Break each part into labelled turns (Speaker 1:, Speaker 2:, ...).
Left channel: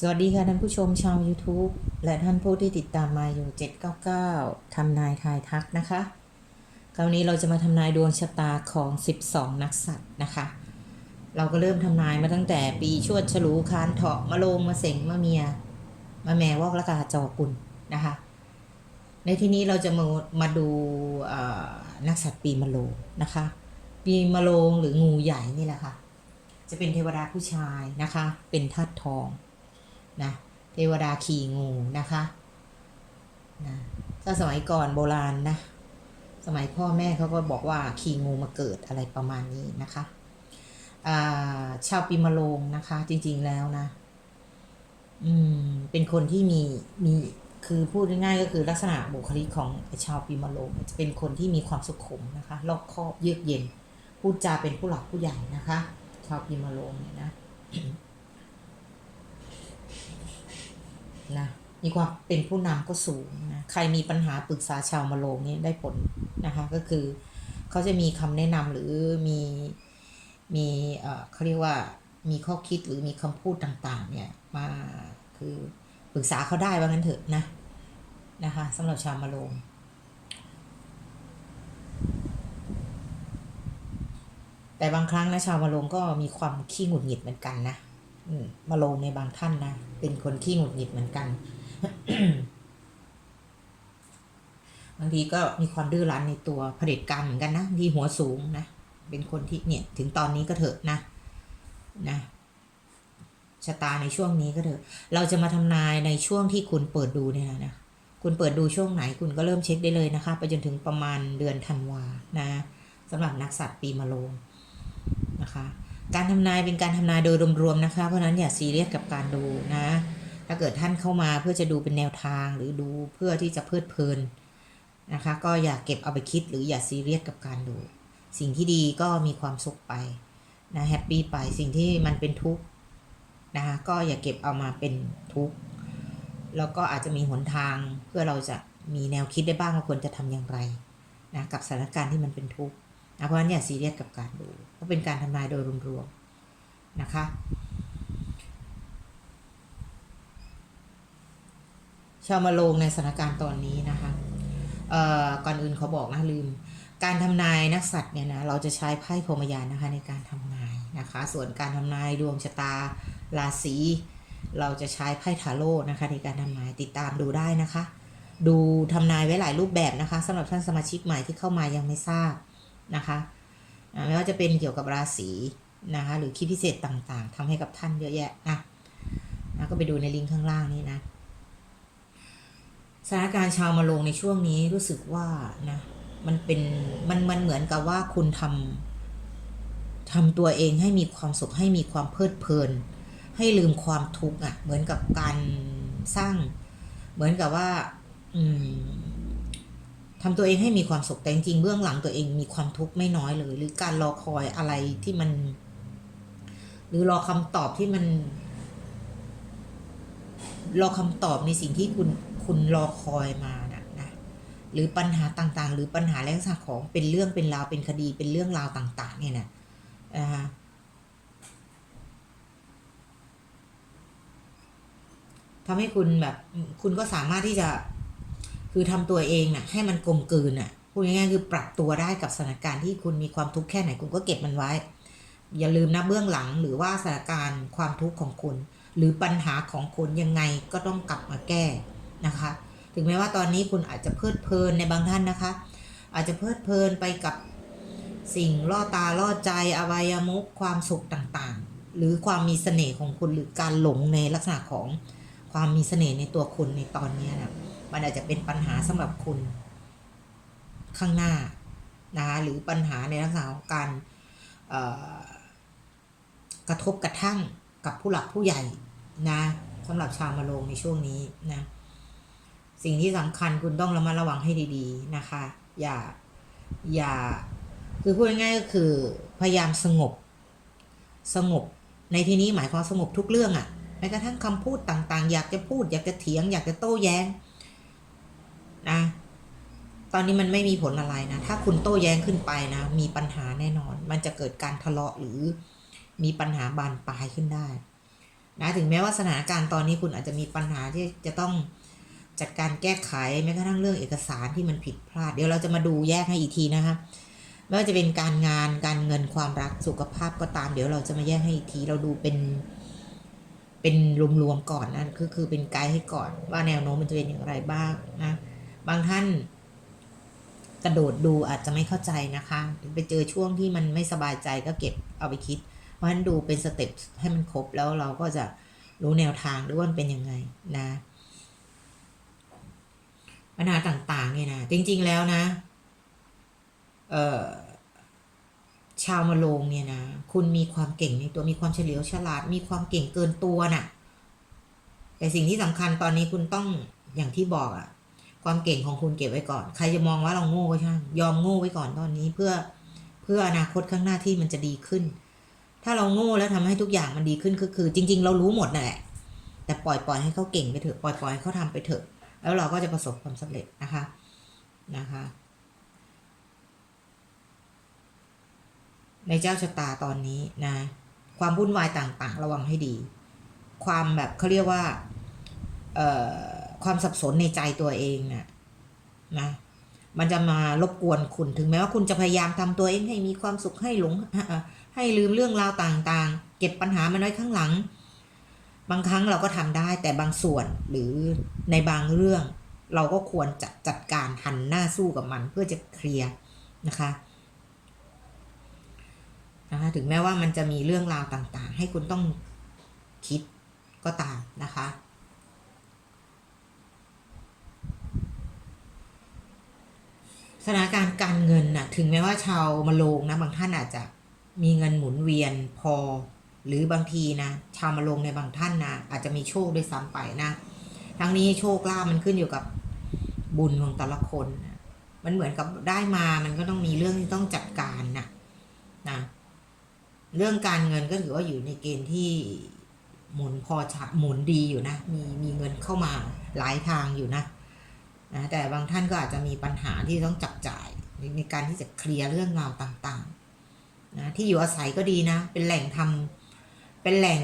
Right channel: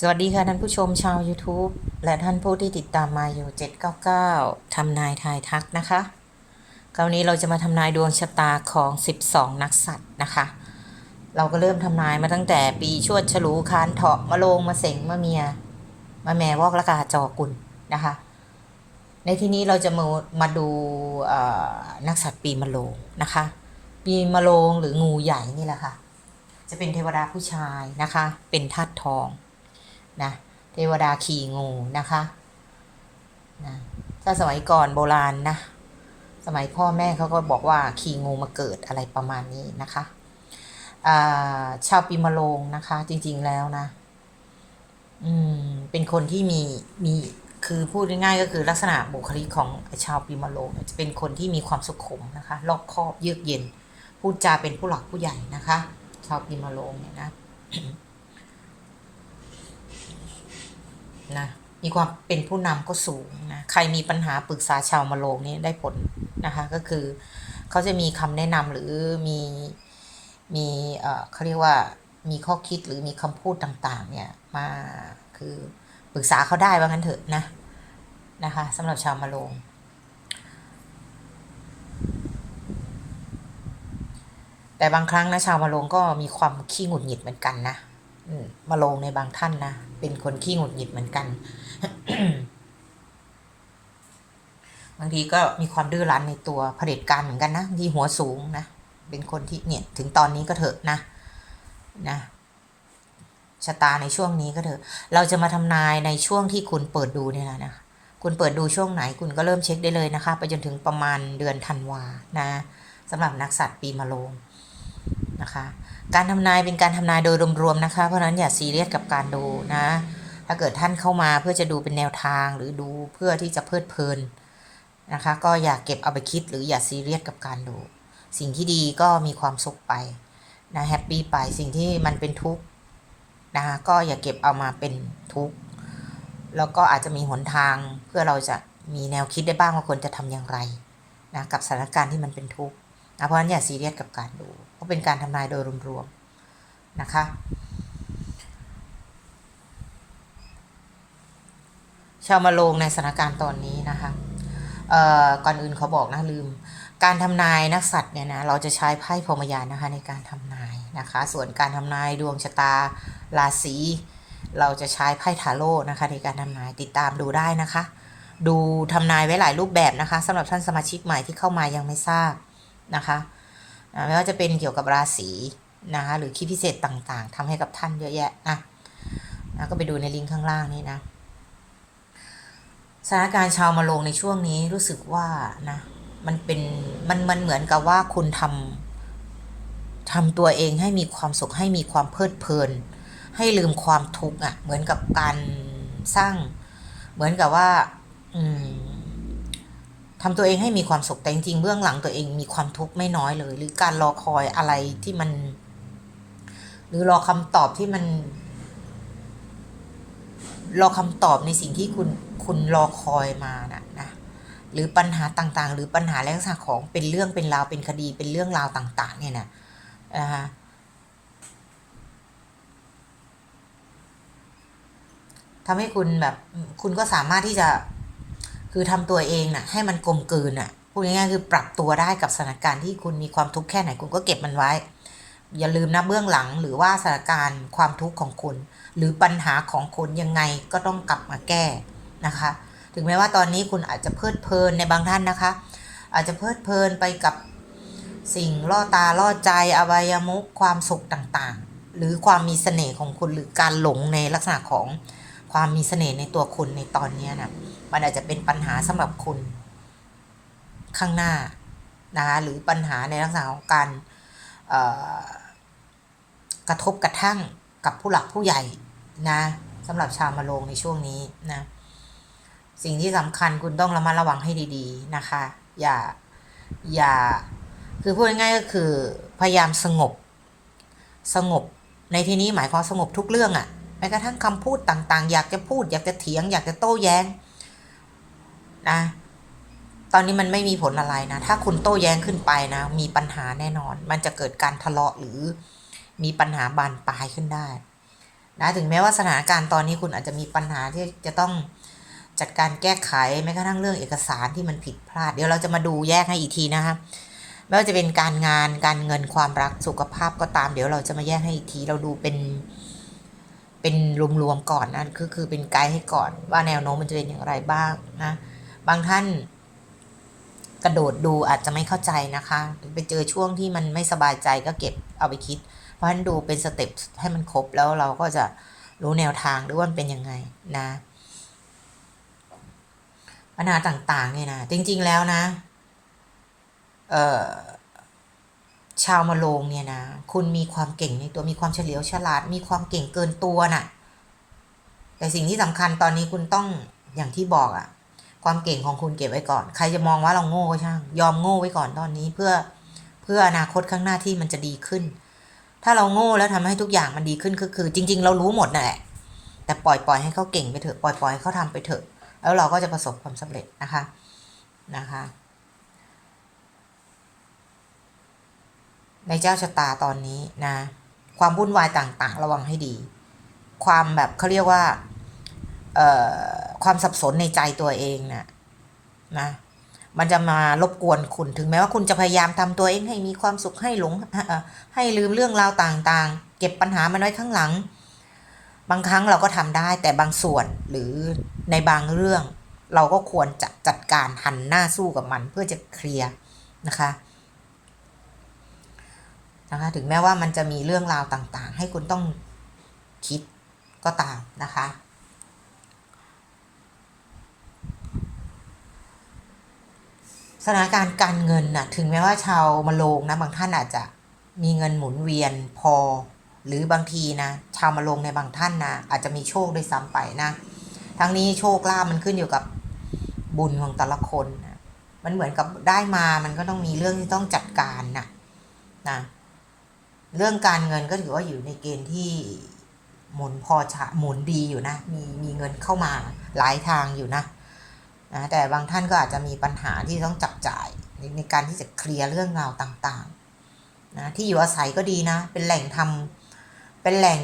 Speaker 1: สวัสดีค่ะท่านผู้ชมชาว YouTube และท่านผู้ที่ติดตามมาอยู่ 799 ทำนายทายทักนะคะ คราวนี้เราจะมาทำนายดวงชะตาของ 12 นักสัตว์นะคะ เราก็เริ่มทำนายมาตั้งแต่ปีชวดฉลูคานเถาะมะโรงมะเสงมะเมียมะแม่วอกละกาจอกุลนะคะ ในที่นี้เราจะมามาดูนักสัตว์ปีมะโรงนะคะ ปีมะโรงหรืองูใหญ่นี่แหละค่ะ จะเป็นเทวดาผู้ชายนะคะ เป็นธาตุทอง นะเทวดาขี่งูนะคะนะถ้าสมัยก่อนโบราณนะ สมัยพ่อแม่เขาก็บอกว่าขี่งูมาเกิดอะไรประมาณนี้นะคะาชาวปีมะโรงนะคะ จริง ๆแล้วนะ อืม เป็นคนที่มีมีคือพูดง่ายๆก็คือลักษณะบุคลิกของชาวปีมะโรงเนี่ยจะเป็นคนที่มีความสุขุมนะคะรอบคอบเยือกเย็นพูดจาเป็นผู้หลักผู้ใหญ่นะคะ ชาวปีมะโรงเนี่ยนะ นะมีความเป็นผู้นำก็สูงนะใครมีปัญหาปรึกษาชาวมะโรงนี่ได้ผลนะคะก็คือเขาจะมีคำแนะนำหรือมีมีเออเขาเรียกว่ามีข้อคิดหรือมีคำพูดต่างๆเนี่ยมาคือปรึกษาเขาได้ว่างั้นเถอะนะนะคะสำหรับชาวมะโรงแต่บางครั้งนะชาวมะโรงก็มีความขี้หงุดหงิดเหมือนกันนะ มาลงในบางท่านนะ เป็นคนขี้หงุดหงิดเหมือนกัน บางทีก็มีความดื้อรั้นในตัวเผด็จการเหมือนกันนะทีหัวสูงนะ เป็นคนที่เนี่ยถึงตอนนี้ก็เถอะนะนะชะตาในช่วงนี้ก็เถอะ เราจะมาทำนายในช่วงที่คุณเปิดดูเนี่ยนะนะ คุณเปิดดูช่วงไหนคุณก็เริ่มเช็คได้เลยนะคะ ไปจนถึงประมาณเดือนธันวานะสำหรับนักสัตว์ปีมะโรงนะคะ การทำนายเป็นการทำนายโดยรวมๆนะคะ เพราะนั้นอย่าซีเรียสกับการดูนะ ถ้าเกิดท่านเข้ามาเพื่อจะดูเป็นแนวทางหรือดูเพื่อที่จะเพลิดเพลินนะคะ ก็อย่าเก็บเอาไปคิดหรืออย่าซีเรียสกับการดู สิ่งที่ดีก็มีความสุขไปนะแฮปปี้ไปสิ่งที่มันเป็นทุกข์นะคะก็อย่าเก็บเอามาเป็นทุกข์แล้วก็อาจจะมีหนทางเพื่อเราจะมีแนวคิดได้บ้างว่าควรจะทำอย่างไรนะกับสถานการณ์ที่มันเป็นทุกข์นะเพราะฉะนั้นอย่าซีเรียสกับการดู เพราะเป็นการทำนายโดยรวมๆนะคะ ชาวมาลงในสถานการณ์ตอนนี้นะคะก่อนอื่นเขาบอกนะลืม การทำนายนักสัตว์เนี่ยนะเราจะใช้ไพ่พรมยานนะคะในการทำนายนะคะ ส่วนการทำนายดวงชะตาราศีเราจะใช้ไพ่ทาโร่นะคะในการทำนายติดตามดูได้นะคะ ดูทำนายไว้หลายรูปแบบนะคะสำหรับท่านสมาชิกใหม่ที่เข้ามายังไม่ทราบนะคะ ไม่ว่าจะเป็นเกี่ยวกับราศีนะคะหรือคลิปพิเศษต่างๆทำให้กับท่านเยอะแยะนะนะก็ไปดูในลิงก์ข้างล่างนี้นะสถานการณ์ชาวมาลงในช่วงนี้รู้สึกว่านะมันเป็นมันมันเหมือนกับว่าคุณทำทำตัวเองให้มีความสุขให้มีความเพลิดเพลิน ให้ลืมความทุกข์อะ เหมือนกับการสร้าง เหมือนกับว่า อืม ทำตัวเองให้มีความสุขแต่จริงๆเบื้องหลังตัวเองมีความทุกข์ไม่น้อยเลย หรือการรอคอยอะไรที่มัน หรือรอคำตอบที่มัน รอคำตอบในสิ่งที่คุณคุณรอคอยมานะนะหรือปัญหาต่างๆ หรือปัญหาลักษณะของเป็นเรื่องเป็นราวเป็นคดีเป็นเรื่องราวต่าง ๆ เนี่ยนะนะคะทำให้คุณแบบ คุณก็สามารถที่จะ คือทำตัวเองน่ะ ให้มันกลมกลืนน่ะพูดง่ายๆคือปรับตัวได้กับสถานการณ์ที่คุณมีความทุกข์แค่ไหนคุณก็เก็บมันไว้ อย่าลืมนะเบื้องหลังหรือว่าสถานการณ์ความทุกข์ของคุณ หรือปัญหาของคุณยังไงก็ต้องกลับมาแก้นะคะ ถึงแม้ว่าตอนนี้คุณอาจจะเพลิดเพลินในบางท่านนะคะ อาจจะเพลิดเพลินไปกับสิ่งล่อตาล่อใจอบายมุขความสุขต่างๆ หรือความมีเสน่ห์ของคุณหรือการหลงในลักษณะของ ความมีเสน่ห์ในตัวคุณในตอนนี้นะมันอาจจะเป็นปัญหาสำหรับคุณ ข้างหน้านะคะหรือปัญหาในลักษณะของการกระทบกระทั่งกับผู้หลักผู้ใหญ่นะสำหรับชาวมะโรงในช่วงนี้นะสิ่งที่สำคัญคุณต้องระมัดระวังให้ดีๆนะคะ อย่าอย่าคือพูดง่ายก็คือพยายามสงบ สงบในที่นี้หมายความสงบทุกเรื่องอะ่ะ แม้กระทั่งคำพูดต่างๆ อยากจะพูด อยากจะเถียง อยากจะโต้แย้งนะตอนนี้มันไม่มีผลอะไรนะ ถ้าคุณโต้แย้งขึ้นไปนะ มีปัญหาแน่นอน มันจะเกิดการทะเลาะหรือมีปัญหาบานปลายขึ้นได้นะถึงแม้ว่าสถานการณ์ตอนนี้คุณอาจจะมีปัญหาที่จะต้องจัดการแก้ไขแม้กระทั่งเรื่องเอกสารที่มันผิดพลาด เดี๋ยวเราจะมาดูแยกให้อีกทีนะคะไม่ว่าจะเป็นการงานการเงินความรักสุขภาพก็ตาม เดี๋ยวเราจะมาแยกให้อีกทีเราดูเป็น เป็นรวมๆก่อนนะคือคือเป็นไกด์ให้ก่อน ว่าแนวโน้มมันจะเป็นอย่างไรบ้างนะ บางท่าน กระโดดดูอาจจะไม่เข้าใจนะคะ ไปเจอช่วงที่มันไม่สบายใจก็เก็บเอาไปคิด เพราะฉะนั้นดูเป็นสเต็ปให้มันครบแล้วเราก็จะรู้แนวทางหรือว่ามันเป็นยังไงนะปัญหาต่างๆเนี่ยนะจริง ๆ แล้วนะ เอ่อ ชาวมาโรงเนี่ยนะ คุณมีความเก่งในตัวมีความเฉลียวฉลาด มีความเก่งเกินตัวน่ะ แต่สิ่งที่สำคัญตอนนี้คุณต้องอย่างที่บอกอะความเก่งของคุณเก็บไว้ก่อน ใครจะมองว่าเราโง่ช่างยอมโง่ไว้ก่อนตอนนี้เพื่อเพื่ออนาคตข้างหน้าที่มันจะดีขึ้น ถ้าเราโง่แล้วทำให้ทุกอย่างมันดีขึ้นก็คือ จริง ๆ เรารู้หมดนั่นแหละแต่ปล่อยปล่อยให้เขาเก่งไปเถอะปล่อยปล่อยให้เขาทำไปเถอะ แล้วเราก็จะประสบความสำเร็จนะคะนะคะ ในเจ้าชะตาตอนนี้นะ ความวุ่นวายต่างๆ ระวังให้ดี ความแบบเขาเรียกว่าเอ่อความสับสนในใจตัวเองนะนะ มันจะมารบกวนคุณ ถึงแม้ว่าคุณจะพยายามทำตัวเองให้มีความสุขให้หลง ให้ลืมเรื่องราวต่างๆ เก็บปัญหามันไว้ข้างหลัง บางครั้งเราก็ทำได้ แต่บางส่วนหรือในบางเรื่อง เราก็ควรจะจัดการหันหน้าสู้กับมันเพื่อจะเคลียร์นะคะ นะคะถึงแม้ว่ามันจะมีเรื่องราวต่างๆ ให้คุณต้องคิดก็ตามนะคะสถานการณ์การเงินน่ะถึงแม้ว่าชาวมะโรงนะบางท่านอาจจะมีเงินหมุนเวียนพอ หรือบางทีนะชาวมะโรงในบางท่านนะอาจจะมีโชคด้วยซ้ำไปนะทั้งนี้โชคลาภมันขึ้นอยู่กับบุญของแต่ละคนนะมันเหมือนกับได้มามันก็ต้องมีเรื่องที่ต้องจัดการนะนะ เรื่องการเงินก็ถือว่าอยู่ในเกณฑ์ที่หมุนพอชะหมุนดีอยู่นะ มีมีเงินเข้ามาหลายทางอยู่นะนะแต่บางท่านก็อาจจะมีปัญหาที่ต้องจับจ่ายในในการที่จะเคลียร์เรื่องราวต่างๆนะที่อยู่อาศัยก็ดีนะ เป็นแหล่งทำเป็นแหล่ง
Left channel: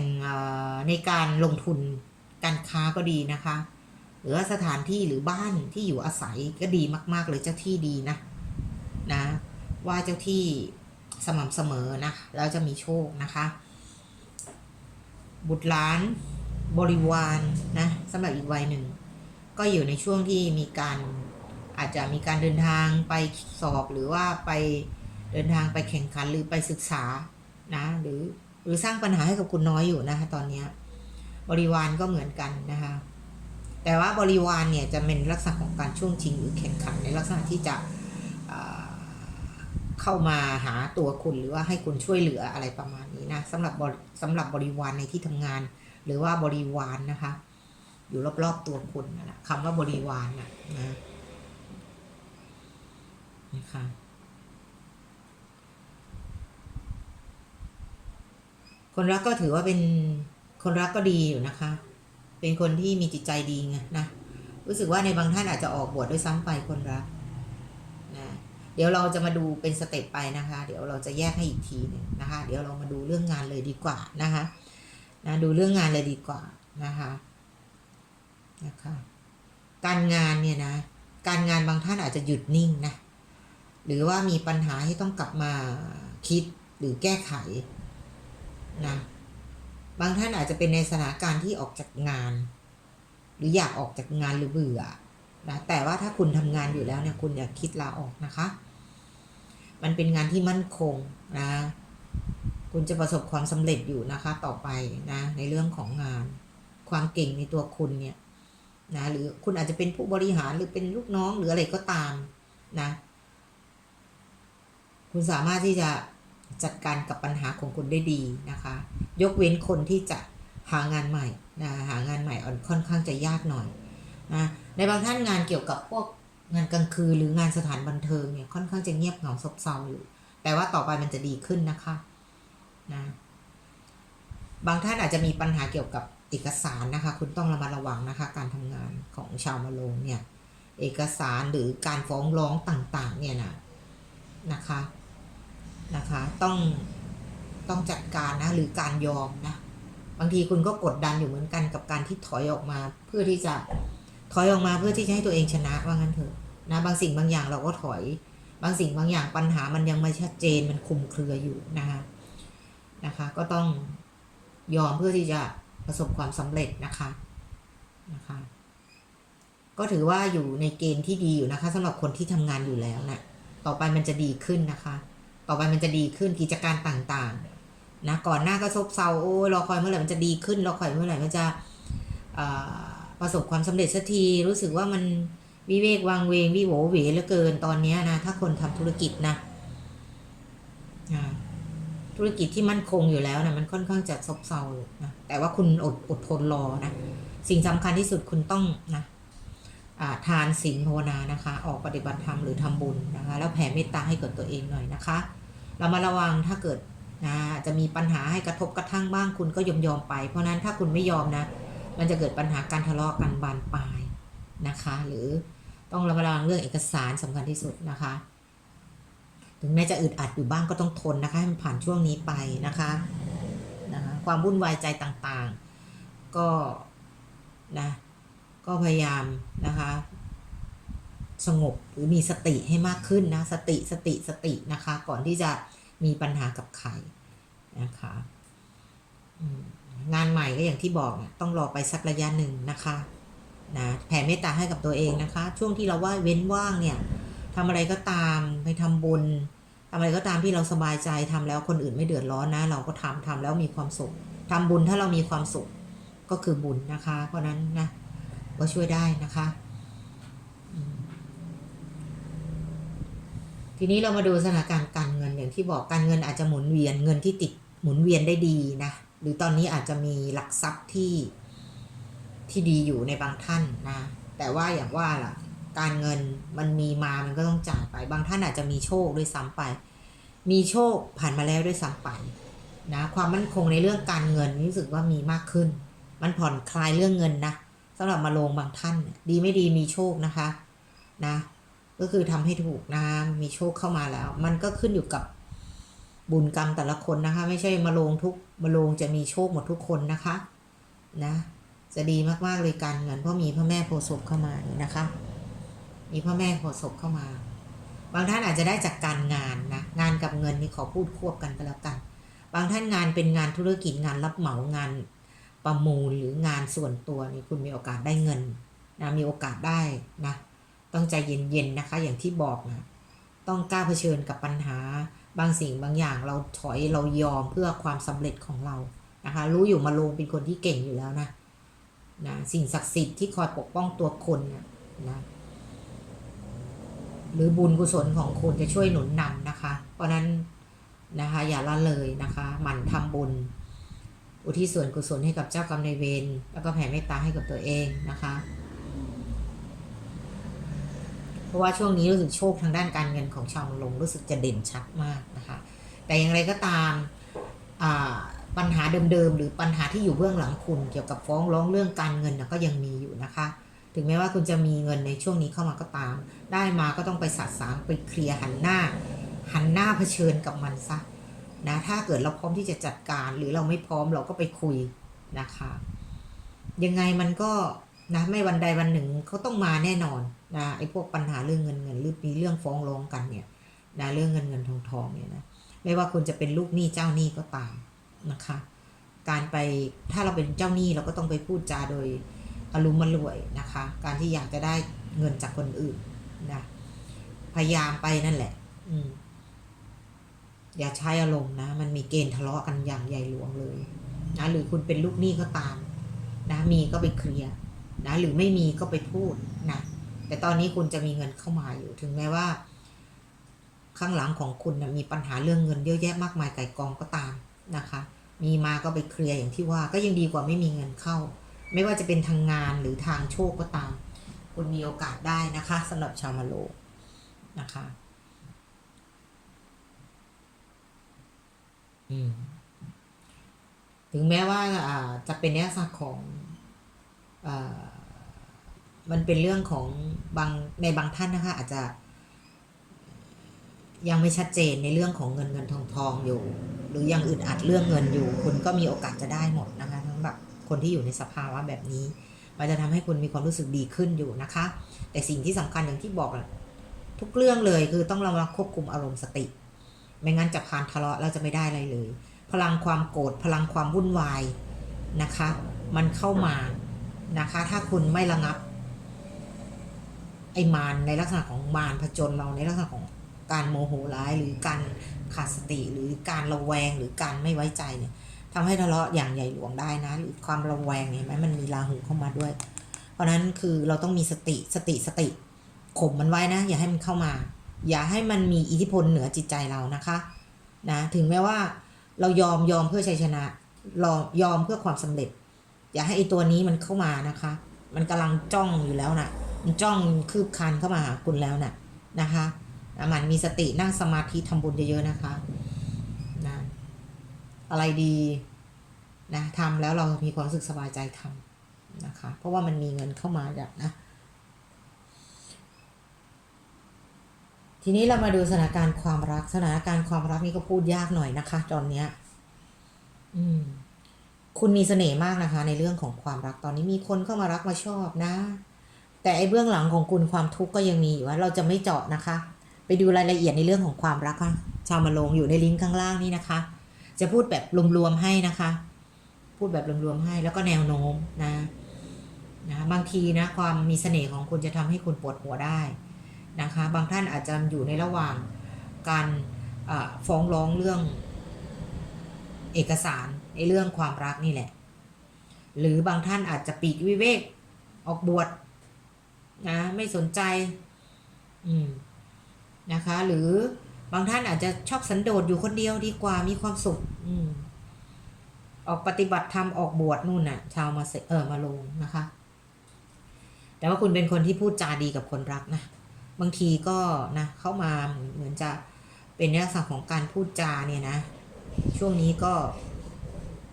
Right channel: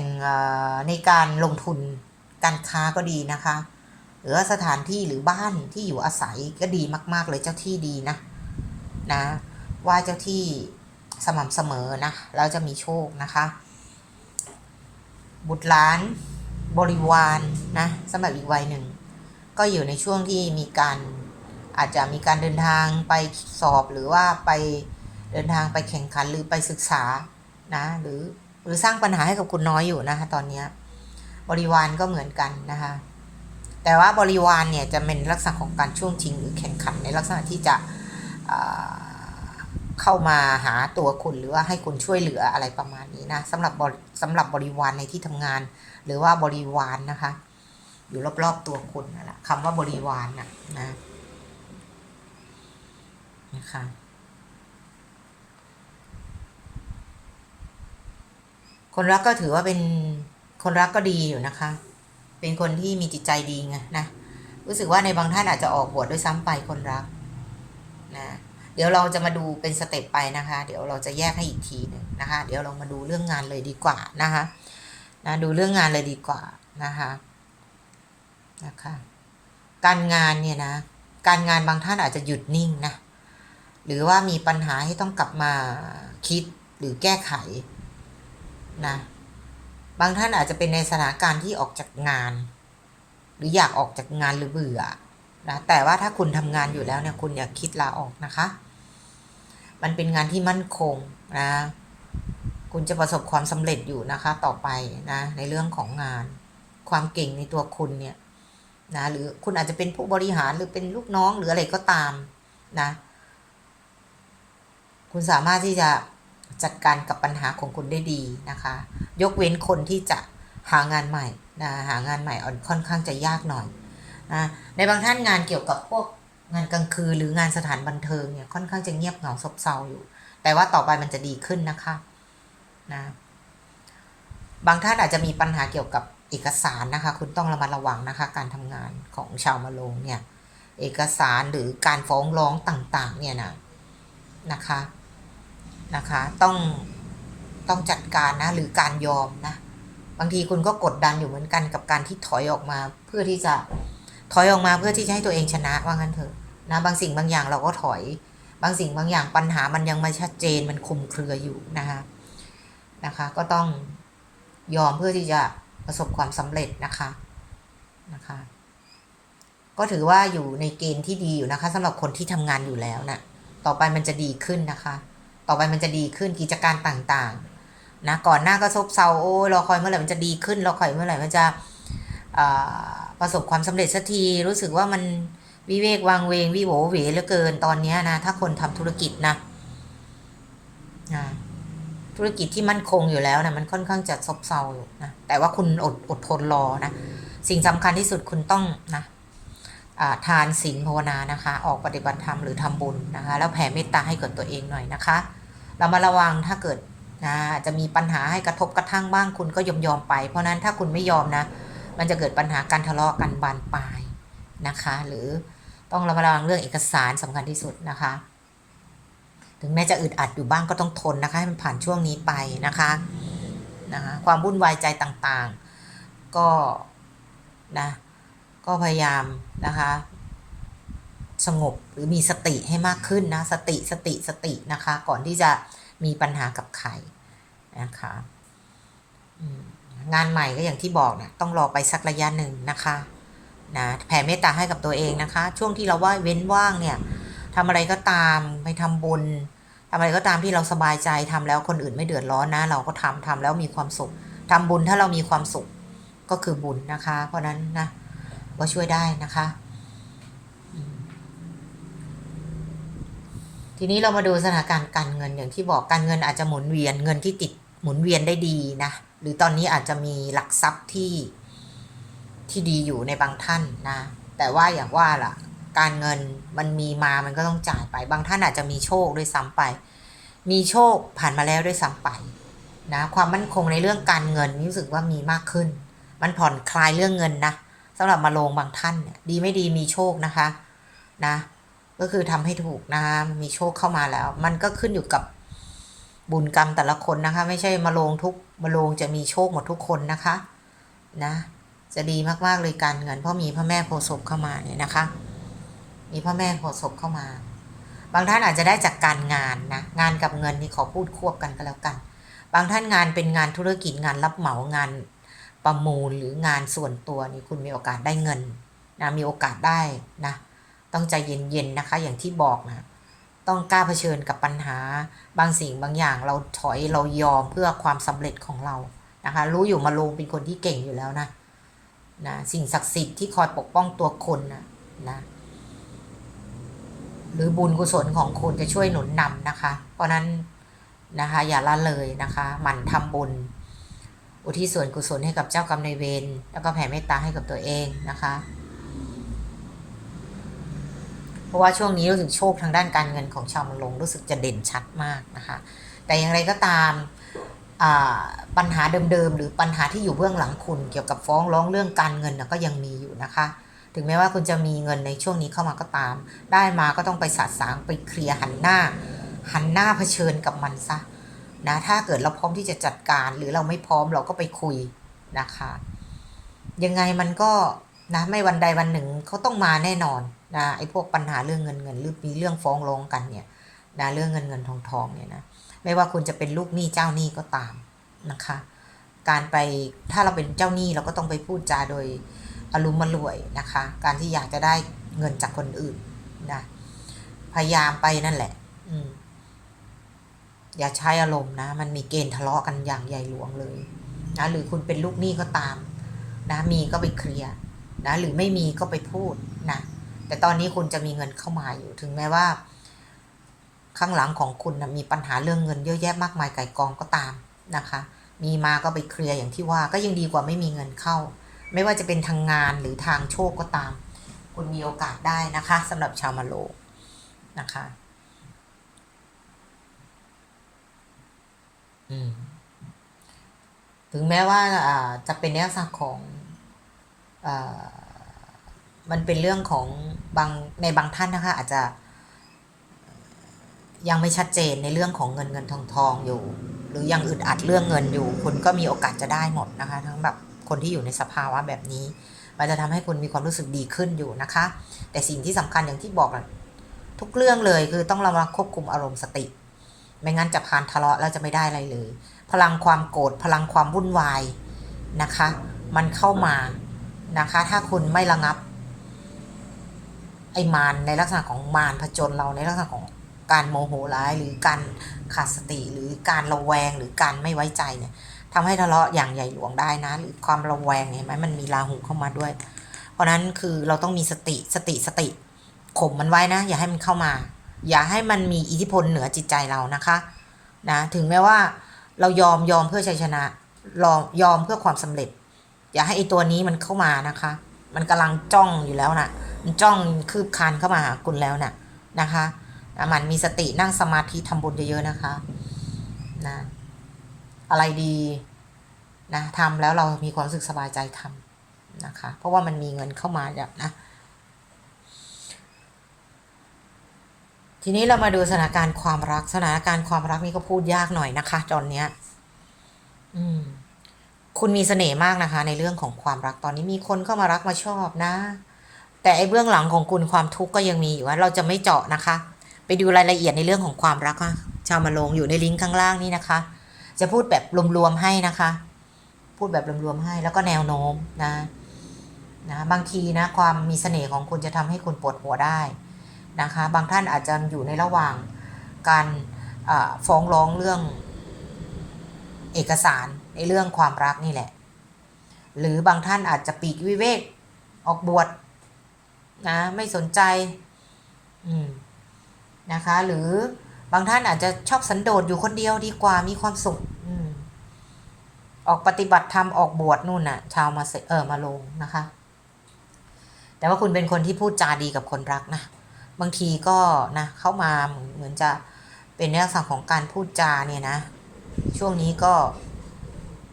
Speaker 1: ในการลงทุนการค้าก็ดีนะคะ หรือว่าสถานที่หรือบ้านที่อยู่อาศัยก็ดีมาก ๆ เลยเจ้าที่ดีนะนะ ว่าเจ้าที่ สม่ำเสมอนะเราจะมีโชคนะคะ บุตรหลานบริวารนนะสำหรับอีกวัยหนึ่ง ก็อยู่ในช่วงที่มีการอาจจะมีการเดินทางไปสอบหรือว่าไปเดินทางไปแข่งขันหรือไปศึกษานะหรือหรือสร้างปัญหาให้กับคุณน้อยอยู่นะคะตอนนี้บริวารก็เหมือนกันนะคะแต่ว่าบริวารเนี่ยจะเป็นลักษณะของการช่วงชิงหรือแข่งขันในลักษณะที่จะ เข้ามาหาตัวคุณหรือว่าให้คุณช่วยเหลืออะไรประมาณนี้นะสำหรับสำหรับบริวารในที่ทำงาน หรือว่าบริวารนนะคะ อยู่รอบๆตัวคุณนั่นแหละคำว่าบริวารนะนะนะคะคนรักก็ถือว่าเป็นคนรักก็ดีอยู่นะคะ เป็นคนที่มีจิตใจดีไงนะ รู้สึกว่าในบางท่านอาจจะออกบวชด้วยซ้ำไปคนรัก เดี๋ยวเราจะมาดูเป็นสเต็ปไปนะคะ เดี๋ยวเราจะแยกให้อีกทีหนึ่งนะคะ เดี๋ยวเรามาดูเรื่องงานเลยดีกว่านะคะนะดูเรื่องงานเลยดีกว่านะคะนะคะการงานเนี่ยนะการงานบางท่านอาจจะหยุดนิ่งนะหรือว่ามีปัญหาให้ต้องกลับมาคิดหรือแก้ไขนะบางท่านอาจจะเป็นในสถานการณ์ที่ออกจากงาน หรืออยากออกจากงานหรือเบื่อ นะแต่ว่าถ้าคุณทำงานอยู่แล้วเนี่ยคุณอย่าคิดลาออกนะคะ มันเป็นงานที่มั่นคงนะคุณจะประสบความสำเร็จอยู่นะคะต่อไปนะในเรื่องของงาน ความเก่งในตัวคุณเนี่ยนะหรือคุณอาจจะเป็นผู้บริหารหรือเป็นลูกน้องหรืออะไรก็ตามนะ คุณสามารถที่จะจัดการกับปัญหาของคุณได้ดีนะคะ ยกเว้นคนที่จะหางานใหม่นะหางานใหม่ค่อนข้างจะยากหน่อย นะในบางท่านงานเกี่ยวกับพวกงานกลางคืนหรืองานสถานบันเทิงเนี่ยค่อนข้างจะเงียบเหงาซบเซาอยู่ แต่ว่าต่อไปมันจะดีขึ้นนะคะนะบางท่านอาจจะมีปัญหาเกี่ยวกับเอกสารนะคะ คุณต้องระมัดระวังนะคะ การทำงานของชาวมะโรงเนี่ย เอกสารหรือการฟ้องร้องต่างๆ เนี่ยนะนะคะนะคะ ต้องต้องจัดการนะหรือการยอมนะ บางทีคุณก็กดดันอยู่เหมือนกันกับการที่ถอยออกมาเพื่อที่จะ ถอยออกมาเพื่อที่จะให้ตัวเองชนะว่างั้นเถอะนะบางสิ่งบางอย่างเราก็ถอย บางสิ่งบางอย่างปัญหามันยังไม่ชัดเจนมันคุมเครืออยู่นะคะนะคะ ก็ต้องยอมเพื่อที่จะประสบความสำเร็จนะคะนะคะ ก็ถือว่าอยู่ในเกณฑ์ที่ดีอยู่นะคะสำหรับคนที่ทำงานอยู่แล้วนะต่อไปมันจะดีขึ้นนะคะ ต่อไปมันจะดีขึ้นกิจการต่างๆนะก่อนหน้าก็ซบเซาโอ้ยรอคอยเมื่อไหร่มันจะดีขึ้นรอคอยเมื่อไหร่มันจะอ่า ประสบความสำเร็จสักทีรู้สึกว่ามันวิเวกวางเวงวิโหวเหวเหลือเกินตอนนี้นะ ถ้าคนทำธุรกิจนะธุรกิจที่มั่นคงอยู่แล้วนะมันค่อนข้างจะซบเซาอยู่นะแต่ว่าคุณอดอดทนรอนะ สิ่งสำคัญที่สุดคุณต้องนะทานศีลภาวนานะคะ ออกปฏิบัติธรรมหรือทำบุญนะคะ แล้วแผ่เมตตาให้กับตัวเองหน่อยนะคะ เรามาระวังถ้าเกิดนะจะมีปัญหาให้กระทบกระทั่งบ้างคุณก็ยอมยอมไป เพราะนั้นถ้าคุณไม่ยอมนะ มันจะเกิดปัญหาการทะเลาะกันบานปลายนะคะ หรือต้องระมัดระวังเรื่องเอกสารสำคัญที่สุดนะคะ ถึงแม้จะอึดอัดอยู่บ้างก็ต้องทนนะคะ ให้มันผ่านช่วงนี้ไปนะคะนะคะความวุ่นวายใจต่างๆ ก็นะก็พยายามนะคะ สงบหรือมีสติให้มากขึ้นนะ สติสติสตินะคะ ก่อนที่จะมีปัญหากับใครนะคะ งานใหม่ก็อย่างที่บอกเนี่ยต้องรอไปสักระยะหนึ่งนะคะนะแผ่เมตตาให้กับตัวเองนะคะ ช่วงที่เราว่าเว้นว่างเนี่ยทำอะไรก็ตามไปทำบุญทำอะไรก็ตามที่เราสบายใจทำแล้วคนอื่นไม่เดือดร้อนนะ เราก็ทำทำแล้วมีความสุขทำบุญถ้าเรามีความสุขก็คือบุญนะคะ เพราะนั้นนะก็ช่วยได้นะคะ ทีนี้เรามาดูสถานการณ์การเงินอย่างที่บอกการเงินอาจจะหมุนเวียนเงินที่ติดหมุนเวียนได้ดีนะ หรือตอนนี้อาจจะมีหลักทรัพย์ที่ที่ดีอยู่ในบางท่านนะ แต่ว่าอย่างว่าล่ะ การเงินมันมีมามันก็ต้องจ่ายไป บางท่านอาจจะมีโชคด้วยซ้ำไป มีโชคผ่านมาแล้วด้วยซ้ำไปนะความมั่นคงในเรื่องการเงินรู้สึกว่ามีมากขึ้น มันผ่อนคลายเรื่องเงินนะสำหรับมาลงบางท่านเนี่ยดีไม่ดีมีโชคนะคะนะ ก็คือทำให้ถูกนะคะมีโชคเข้ามาแล้ว มันก็ขึ้นอยู่กับ บุญกรรมแต่ละคนนะคะ ไม่ใช่มาลงทุกมาลงจะมีโชคหมดทุกคนนะคะนะจะดีมากๆเลยการเงินเพราะมีพระแม่โพศพเข้ามาเนี่ยนะคะ มีพระแม่โพศพเข้ามา บางท่านอาจจะได้จากการงานนะงานกับเงินนี่ขอพูดควบกันก็แล้วกัน บางท่านงานเป็นงานธุรกิจงานรับเหมางานประมูลหรืองานส่วนตัวนี่คุณมีโอกาสได้เงินนะมีโอกาสได้นะต้องใจเย็นๆนะคะ อย่างที่บอกนะ ต้องกล้าเผชิญกับปัญหา บางสิ่งบางอย่างเราถอยเรายอมเพื่อความสำเร็จของเรานะคะ รู้อยู่มาลงเป็นคนที่เก่งอยู่แล้วนะนะสิ่งศักดิ์สิทธิ์ที่คอยปกป้องตัวคุณนะนะหรือบุญกุศลของคุณจะช่วยหนุนนำนะคะ เพราะนั้นนะคะ อย่าละเลยนะคะหมั่นทำบุญ อุทิศส่วนกุศลให้กับเจ้ากรรมนายเวรแล้วก็แผ่เมตตาให้กับตัวเองนะคะ เพราะว่าช่วงนี้รู้สึกโชคทางด้านการเงินของชาวมะลงรู้สึกจะเด่นชัดมากนะคะ แต่อย่างไรก็ตามปัญหาเดิมๆหรือปัญหาที่อยู่เบื้องหลังคุณเกี่ยวกับฟ้องร้องเรื่องการเงินก็ยังมีอยู่นะคะ ถึงแม้ว่าคุณจะมีเงินในช่วงนี้เข้ามาก็ตาม ได้มาก็ต้องไปสาสางไปเคลียร์หันหน้า หันหน้าเผชิญกับมันซะนะถ้าเกิดเราพร้อมที่จะจัดการ หรือเราไม่พร้อมเราก็ไปคุยนะคะ ยังไงมันก็นะไม่วันใดวันหนึ่งเขาต้องมาแน่นอน นะไอ้พวกปัญหาเรื่องเงินเงินหรือมีเรื่องฟ้องร้องกันเนี่ยนะเรื่องเงินเงินทองทองเนี่ยนะไม่ว่าคุณจะเป็นลูกหนี้เจ้าหนี้ก็ตามนะคะ การไปถ้าเราเป็นเจ้าหนี้เราก็ต้องไปพูดจาโดยอารมณ์มรวยนะคะ การที่อยากจะได้เงินจากคนอื่นนะพยายามไปนั่นแหละ อืมอย่าใช้อารมณ์นะ มันมีเกณฑ์ทะเลาะกันอย่างใหญ่หลวงเลยนะหรือคุณเป็นลูกหนี้ก็ตาม นะมีก็ไปเคลียร์นะหรือไม่มีก็ไปพูดนะ แต่ตอนนี้คุณจะมีเงินเข้ามาอยู่ถึงแม้ว่า ข้างหลังของคุณนะมีปัญหาเรื่องเงินเยอะแยะมากมายไก่กองก็ตามนะคะ มีมาก็ไปเคลียร์อย่างที่ว่าก็ยังดีกว่าไม่มีเงินเข้า ไม่ว่าจะเป็นทางงานหรือทางโชคก็ตาม คุณมีโอกาสได้นะคะสำหรับชาวมาโลนะคะอืมถึงแม้ว่าอ่าจะเป็นเนื้อสักของอ่ามันเป็นเรื่องของ บางในบางท่านนะคะอาจจะ ยังไม่ชัดเจนในเรื่องของเงินเงินทองทองอยู่ หรือยังอึดอัดเรื่องเงินอยู่ คุณก็มีโอกาสจะได้หมดนะคะ ทั้งแบบคนที่อยู่ในสภาวะแบบนี้ มันจะทำให้คุณมีความรู้สึกดีขึ้นอยู่นะคะ แต่สิ่งที่สำคัญอย่างที่บอกทุกเรื่องเลยคือต้องระวังควบคุมอารมณ์สติ ไม่งั้นจะพานทะเลาะแล้วจะไม่ได้อะไรเลย พลังความโกรธพลังความวุ่นวายนะคะ มันเข้ามานะคะ ถ้าคุณไม่ระงับ ไอ้มารในลักษณะของมารผจญเราในลักษณะของการโมโหร้ายหรือการขาดสติหรือการระแวงหรือการไม่ไว้ใจเนี่ยทำให้ทะเลาะอย่างใหญ่หลวงได้นะ หรือความระแวงเนี่ยไหมมันมีราหูเข้ามาด้วย เพราะนั้นคือเราต้องมีสติสติสติข่มมันไว้นะ อย่าให้มันเข้ามา อย่าให้มันมีอิทธิพลเหนือจิตใจเรานะคะนะถึงแม้ว่าเรายอมยอมเพื่อชัยชนะรอยอมเพื่อความสำเร็จ อย่าให้ไอตัวนี้มันเข้ามานะคะ มันกำลังจ้องอยู่แล้วนะมัน จ้องคืบคานเข้ามาหาคุณแล้วนะ่ะนะคะมันมีสตินั่งสมาธิทำบุญเยอะๆนะคะนะอะไรดีนะทำแล้วเรามีความรู้สึกสบายใจทำนะคะ เพราะว่ามันมีเงินเข้ามาแบบนะ ทีนี้เรามาดูสถานการณ์ความรักสถานการณ์ความรักนี่ก็พูดยากหน่อยนะคะตอนเนี้ย อืม คุณมีเสน่ห์มากนะคะ ในเรื่องของความรักตอนนี้มีคนเข้ามารักมาชอบนะ แต่ไอ้เบื้องหลังของคุณความทุกข์ก็ยังมีอยู่ว่าเราจะไม่เจาะนะคะ ไปดูรายละเอียดในเรื่องของความรักค่ะชาวมาลงอยู่ในลิงก์ข้างล่างนี้นะคะ จะพูดแบบรวมๆให้นะคะ พูดแบบรวมๆให้แล้วก็แนวโน้มนะนะบางทีนะความมีเสน่ห์ของคุณจะทำให้คุณปวดหัวได้นะคะ บางท่านอาจจะอยู่ในระหว่างการฟ้องร้องเรื่องเอกสารในเรื่องความรักนี่แหละ หรือบางท่านอาจจะปีกวิเวกออกบวช นะไม่สนใจนะคะ หรือบางท่านอาจจะชอบสันโดษอยู่คนเดียวดีกว่ามีความสุขออกปฏิบัติธรรมออกบวชนู่นน่ะ ชาวมาเสเออมาลงนะคะ แต่ว่าคุณเป็นคนที่พูดจาดีกับคนรักนะบางทีก็นะเข้ามาเหมือนจะเป็นในลักษณะของการพูดจาเนี่ยนะ ช่วงนี้ก็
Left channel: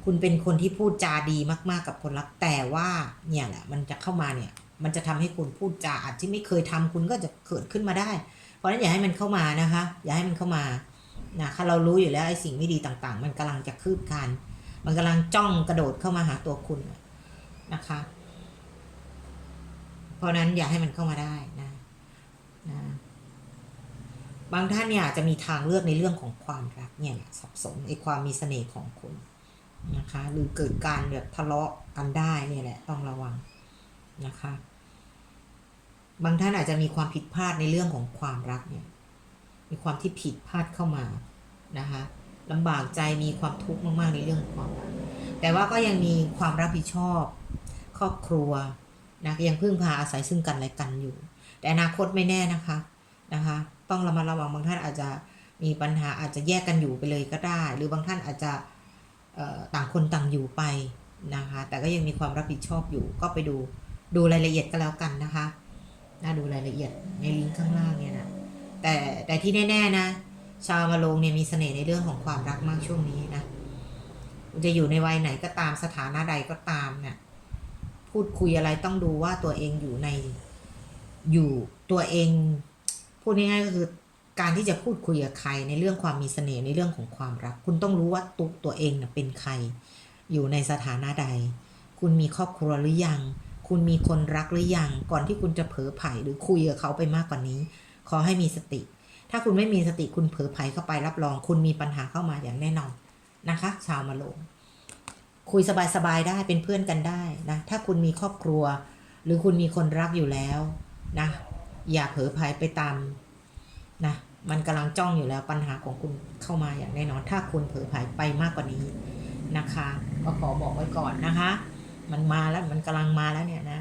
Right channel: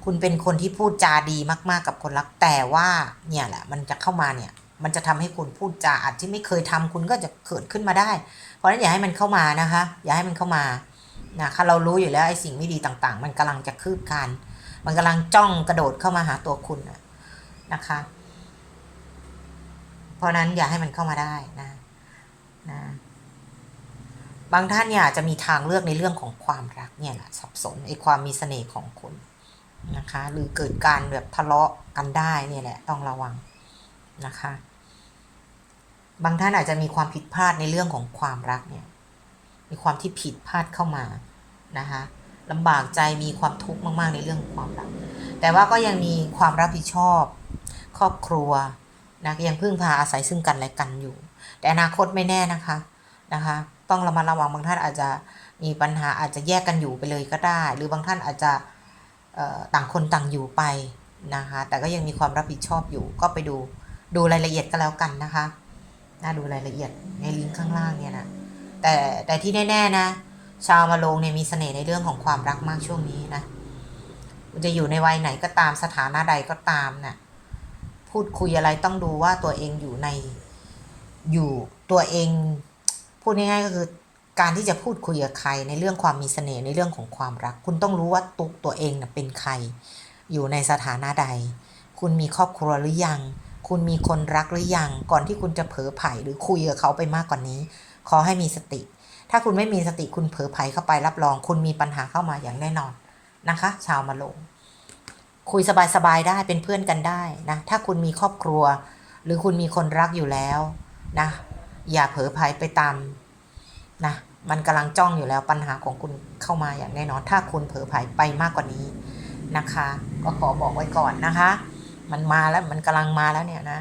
Speaker 1: คุณเป็นคนที่พูดจาดีมาก ๆ กับคนรักแต่ว่าเนี่ยแหละมันจะเข้ามาเนี่ย มันจะทำให้คุณพูดจาอาจที่ไม่เคยทำคุณก็จะเกิดขึ้นมาได้ เพราะนั้นอย่าให้มันเข้ามานะคะ อย่าให้มันเข้ามานะคะเรารู้อยู่แล้วไอ้สิ่งไม่ดีต่างๆ มันกำลังจะคืบคานมันกำลังจ้องกระโดดเข้ามาหาตัวคุณนะคะ เพราะนั้นอย่าให้มันเข้ามาได้นะนะบางท่านเนี่ยอาจจะมีทางเลือกในเรื่องของความรักเนี่ยแหละสับสนไอ้ความมีเสน่ห์ของคุณนะคะ หรือเกิดการแบบทะเลาะกันได้เนี่ยแหละต้องระวังนะคะ บางท่านอาจจะมีความผิดพลาดในเรื่องของความรักเนี่ย มีความที่ผิดพลาดเข้ามานะคะลำบากใจมีความทุกข์มาก ๆ ในเรื่องความรัก แต่ว่าก็ยังมีความรับผิดชอบ ครอบครัวนะยังพึ่งพาอาศัยซึ่งกันและกันอยู่ แต่อนาคตไม่แน่นะคะนะคะ ต้องระมัดระวังบางท่านอาจจะมีปัญหาอาจจะแยกกันอยู่ไปเลยก็ได้ หรือบางท่านอาจจะต่างคนต่างอยู่ไปนะคะ แต่ก็ยังมีความรับผิดชอบอยู่ ก็ไปดูดูรายละเอียดก็แล้วกันนะคะ น่าดูรายละเอียดในลิงก์ข้างล่างเนี่ยนะแต่แต่ที่แน่ๆนะ ชาวมาลงเนี่ยมีเสน่ห์ในเรื่องของความรักมากช่วงนี้นะคุณจะอยู่ในวัยไหนก็ตามสถานะใดก็ตามนะ่ะพูดคุยอะไรต้องดูว่าตัวเองอยู่ในอยู่ตัวเอง พูดง่ายๆก็คือการที่จะพูดคุยกับใครในเรื่องความมีเสน่ห์ในเรื่องของความรัก คุณต้องรู้ว่าตุกตัวเองนะเป็นใคร อยู่ในสถานะใด คุณมีครอบครัวหรือยัง คุณมีคนรักหรือยัง ก่อนที่คุณจะเผลอไผ่หรือคุยกับเขาไปมากกว่านนี้ ขอให้มีสติ ถ้าคุณไม่มีสติคุณเผลอไผ่เข้าไปรับรอง คุณมีปัญหาเข้ามาอย่างแน่นอนนะคะ ชาวมาลง คุยสบายๆได้เป็นเพื่อนกันได้นะ ถ้าคุณมีครอบครัว หรือคุณมีคนรักอยู่แล้วนะ อย่าเผลอไผ่ไปตามนะมันกำลังจ้องอยู่แล้วปัญหาของคุณเข้ามาอย่างแน่นอน ถ้าคุณเผลอไผ่ไปมากกว่านี้นะคะ ก็ขอบอกไว้ก่อนนะคะ มันมาแล้วมันกำลังมาแล้วเนี่ยนะ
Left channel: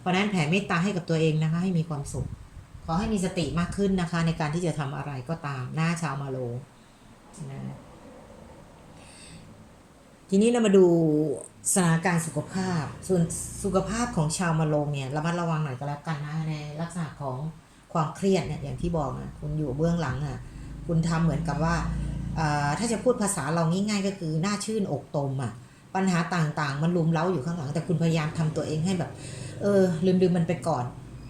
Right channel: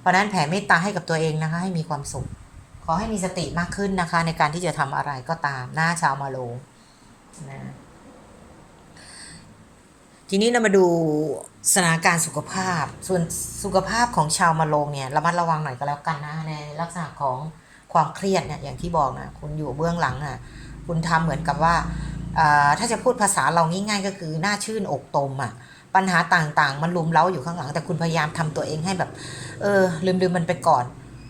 Speaker 1: เพราะนั้นแผ่เมตตาให้กับตัวเองนะคะ ให้มีความสุข ขอให้มีสติมากขึ้นนะคะ ในการที่จะทำอะไรก็ตามหน้าชาวมาโลนะทีนี้เรามาดูสถานการณ์สุขภาพ ส่วนสุขภาพของชาวมาโลงเนี่ยระมัดระวังหน่อยก็แล้วกันนะในลักษณะของความเครียดเนี่ยอย่างที่บอกนะคุณอยู่เบื้องหลังอะคุณทำเหมือนกับว่าอ่าถ้าจะพูดภาษาเราง่ายๆก็คือหน้าชื่นอกตมอะ ปัญหาต่างๆ มันลุมเล้าอยู่ข้างหลัง แต่คุณพยายามทำตัวเองให้แบบ เออ ลืมๆมันไปก่อน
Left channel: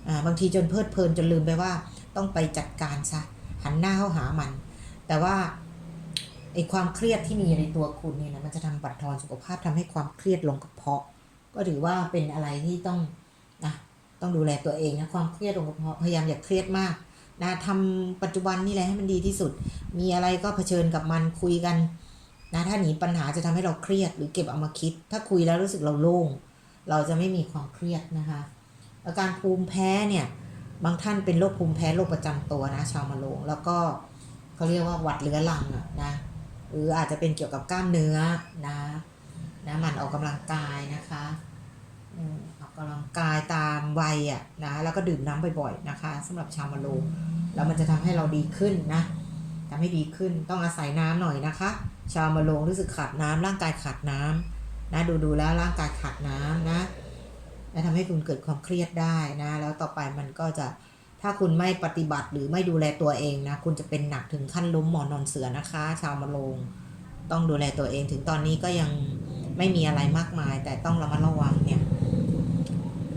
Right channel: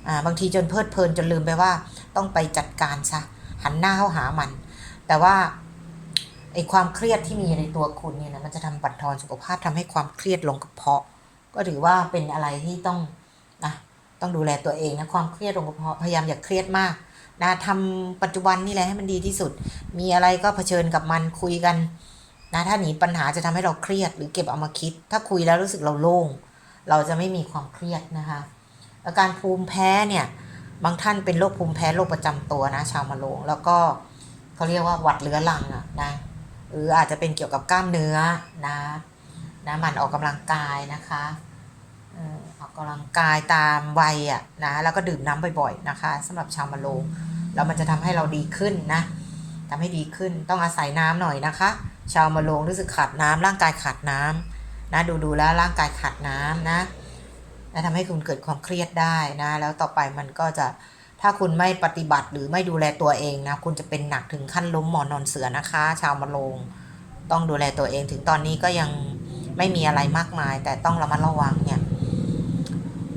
Speaker 1: อ่าบางทีจนเพลิดเพลินจนลืมไปว่า ต้องไปจัดการซะหันหน้าเข้าหามัน แต่ว่าไอ้ความเครียดที่มีในตัวคุณเนี่ยนะมันจะทำบั่นทอนสุขภาพทำให้ความเครียดลงกระเพาะ ก็ถือว่าเป็นอะไรที่ต้องนะต้องดูแลตัวเองนะความเครียดองค์ประกอบพยายามอย่าเครียดมากนะทำปัจจุบันนี่แหละให้มันดีที่สุด มีอะไรก็เผชิญกับมันคุยกัน นะถ้าหนีปัญหาจะทำให้เราเครียดหรือเก็บเอามาคิด ถ้าคุยแล้วรู้สึกเราโล่ง เราจะไม่มีความเครียดนะคะอาการภูมิแพ้เนี่ยบางท่านเป็นโรคภูมิแพ้โรคประจำตัวนะชาวมะโรงแล้วก็เขาเรียกว่าหวัดเรื้อรังอะนะหรืออาจจะเป็นเกี่ยวกับกล้ามเนื้อนะนะหมันออกกำลังกายนะคะออออกกำลังกายตามวัยอะนะแล้วก็ดื่มน้ำบ่อยๆนะคะสำหรับชาวมะโรงแล้วมันจะทำให้เราดีขึ้นนะทำให้ดีขึ้นต้องอาศัยน้ำหน่อยนะคะ ชาวมะโรงรู้สึกขาดน้ำร่างกายขาดน้ำนะดูดูๆแล้วร่างกายขาดน้ำนะและทำให้คุณเกิดความเครียดได้นะ แล้วต่อไปมันก็จะถ้าคุณไม่ปฏิบัติหรือไม่ดูแลตัวเองนะ คุณจะเป็นหนักถึงขั้นล้มหมอนนอนเสือนะคะ ชาวมะโรงต้องดูแลตัวเองถึงตอนนี้ก็ยังไม่มีอะไรมากมาย แต่ต้องระมัดระวังเนี่ย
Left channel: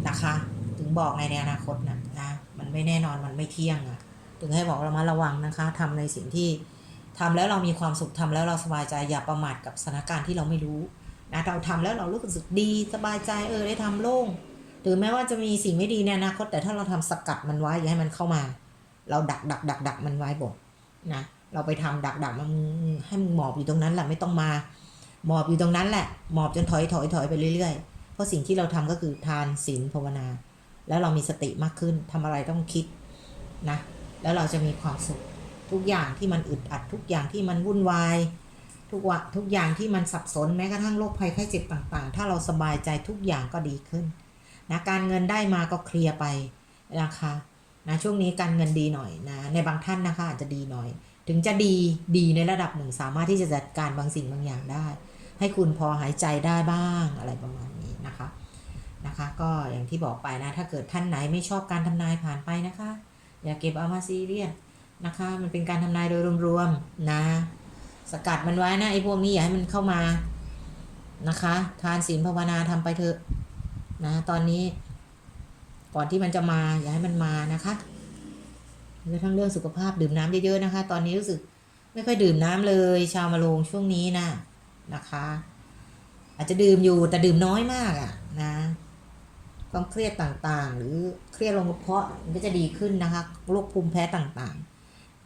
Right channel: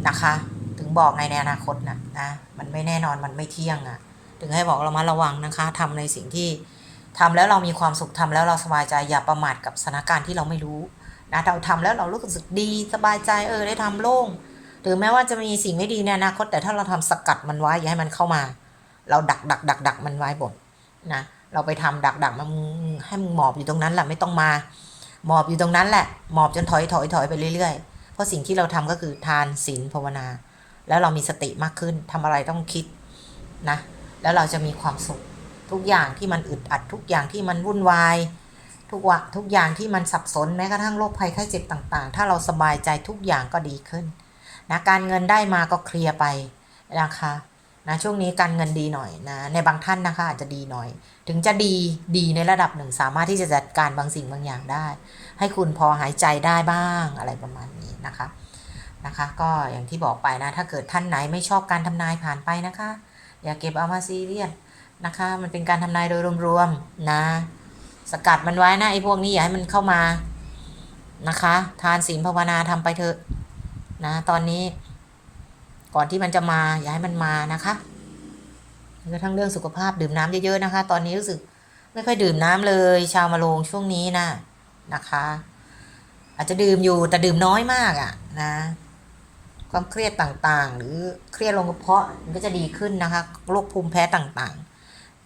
Speaker 1: นะคะ ถึงบอกในในอนาคตนะนะมันไม่แน่นอนมันไม่เที่ยงอะ่ะ ถึงให้บอกระมัดระวังนะคะทำในสิ่งที่ ทำแล้วเรามีความสุขทำแล้วเราสบายใจอย่าประมาทกับสถานการณ์ที่เราไม่รู้นะเราทำแล้วเรารู้สึกดีสบายใจเออได้ทำโล่งหรือแม้ว่าจะมีสิ่งไม่ดีในอนาคตแต่ถ้าเราทำสกัดมันไว้อย่าให้มันเข้ามา เราดักดักดักดักมันไว้บนนะเราไปทำดักดักมันให้มึงหมอบอยู่ตรงนั้นแหละไม่ต้องมา หมอบอยู่ตรงนั้นแหละ หมอบจนถอยถอยถอยไปเรื่อยๆ เพราะสิ่งที่เราทำก็คือทานศีลภาวนา แล้วเรามีสติมากขึ้นทำอะไรต้องคิดนะแล้วเราจะมีความสุข ทุกอย่างที่มันอึดอัด ทุกอย่างที่มันวุ่นวายทุกวะทุกอย่างที่มันสับสนแม้กระทั่งโรคภัยไข้เจ็บต่าง ๆ ถ้าเราสบายใจทุกอย่างก็ดีขึ้นนะการเงินได้มาก็เคลียร์ไปนะคะนะช่วงนี้การเงินดีหน่อยนะในบางท่านนะคะอาจจะดีหน่อย ถึงจะดีดีในระดับหนึ่ง สามารถที่จะจัดการบางสิ่งบางอย่างได้ ให้คุณพอหายใจได้บ้างอะไรประมาณนี้นะคะนะคะ ก็อย่างที่บอกไปนะ ถ้าเกิดท่านไหนไม่ชอบการทำนายผ่านไปนะคะ อย่าเก็บเอามาซีเรียส นะคะ มันเป็นการทำนายโดยรวมๆนะ สกัดมันไว้นะไอ้พวกนี้อย่าให้มันเข้ามานะคะ ทานศีลภาวนาทำไปเถอะนะ ตอนนี้ ก่อนที่มันจะมาอย่าให้มันมานะคะกระทั่งเรื่องสุขภาพดื่มน้ำเยอะๆนะคะ ตอนนี้รู้สึกไม่ค่อยดื่มน้ำเลย ชาวมาลงช่วงนี้นะนะคะ อาจจะดื่มอยู่แต่ดื่มน้อยมากอะ่ะนะความเครียดต่างๆ หรือเครียดลงกระเพาะมันก็จะดีขึ้นนะคะโรคภูมิแพ้ต่างๆ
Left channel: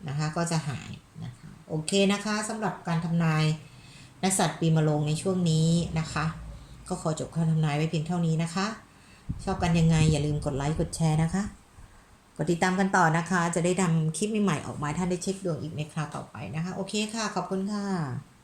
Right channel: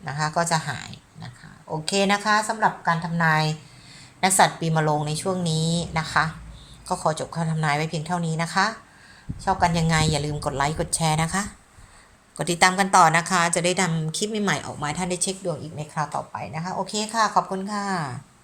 Speaker 1: นะคะก็จะหายนะคะโอเคนะคะสำหรับการทำนายนักสัตว์ปีมะโรงในช่วงนี้นะคะ ก็ขอจบคำทำนายไว้เพียงเท่านี้นะคะ ชอบกันยังไงอย่าลืมกดไลค์กดแชร์นะคะ กดติดตามกันต่อนะคะ จะได้ทำคลิปใหม่ๆออกมาท่านได้เช็คดวงอีกในคราวต่อไปนะคะ โอเคค่ะ ขอบคุณค่ะ